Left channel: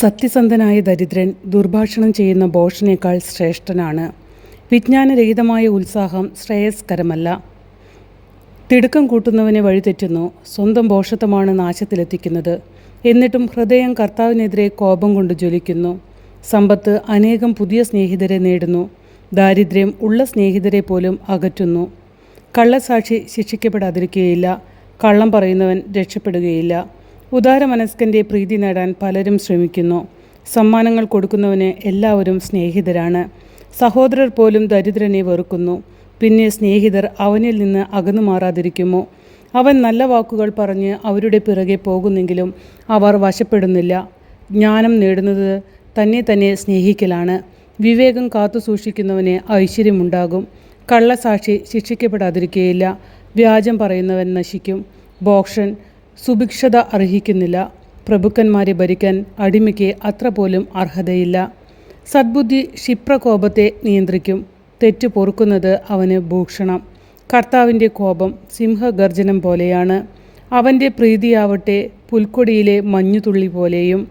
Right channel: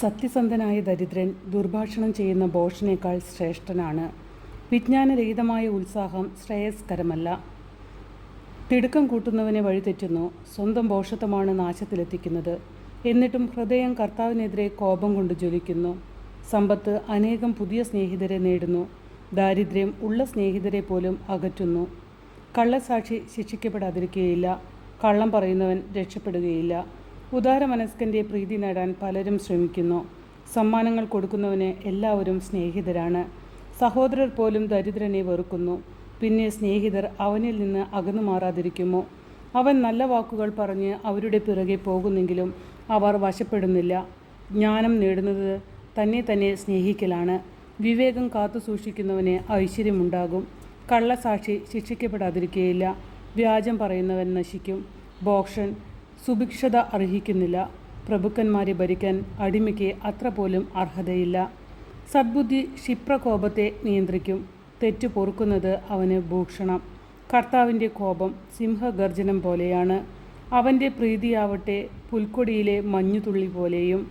സത്യസന്ധനായ ദരിദ്രൻ ദുർഭാഷണം ചെയ്യുന്ന ഭോഷനേക്കാൾ ശ്രേഷ്ഠനാണ്. വിജ്ഞാനരഹിതമായ ഉത്സാഹം ശ്രേയസ്കരമല്ല. തിടുക്കം കൂട്ടുന്നവനെ വഴിതെറ്റുന്നു. സ്വന്തം ഭോഷത്വമാണ് നാശത്തിലെത്തിക്കുന്നത്. എന്നിട്ടും ഹൃദയം കർത്താവിനെതിരെ കോപം കൊണ്ട് ജ്വലിക്കുന്നു. സമ്പത്ത് അനേകം പുതിയ സ്നേഹിതരെ നേടുന്നു. ദാരിദ്ര്യം ഉള്ള സ്നേഹിതരെ പോലും അകറ്റുന്നു. കള്ളസാക്ഷി ശിക്ഷിക്കപ്പെടാതിരിക്കുകയില്ല. കള്ളം പറയുന്നവൻ രക്ഷപ്പെടുകയില്ല. ഉദാരമനസ്കൻ്റെ പ്രീതി നേടാൻ പലരും ശ്രമിക്കുന്നു. സമ്മാനങ്ങൾ കൊടുക്കുന്നവന് എല്ലാവരും സ്നേഹിതരാണ്. സഹോദരർ പോലും ദരിദ്രനെ വെറുക്കുന്നു. പിന്നെ സ്നേഹിതർ അവനിൽ നിന്ന് അകന്നു മാറാതിരിക്കുമോ? അവൻ നല്ല വാക്കുകൾ പറഞ്ഞ് അവരുടെ പിറകെ പോകുന്നെങ്കിലും അവർ വശപ്പെടുന്നില്ല. ജ്ഞാനം നേടുന്നത് തന്നെ സ്നേഹിക്കലാണ്. വിവേകം കാത്തു സൂക്ഷിക്കുന്നവന് ഐശ്വര്യമുണ്ടാകും. കള്ളസാക്ഷി ശിക്ഷിക്കപ്പെടാതിരിക്കുകയില്ല. വ്യാജം പറയുന്നവൻ നശിക്കും. ഭോഷൻ സുഭിക്ഷത അർഹിക്കുന്നില്ല. പ്രഭുക്കന്മാരെ ഭരിക്കാൻ അടിമയ്ക്ക് അത്ര പോലും അർഹതയില്ല. സദ്ബുദ്ധി ക്ഷിപ്രകോപത്തെ നിയന്ത്രിക്കും. തെറ്റ് പൊറുക്കുന്നത് അവന് ഭൂഷണം. കർത്താവിൻ്റെ കോപം സിംഹഗർജനം പോലെയാണ്. അവൻ്റെ പ്രീതിയാവട്ടെ പുൽക്കൊടിയിലെ മഞ്ഞുതുള്ളി പോലെയും.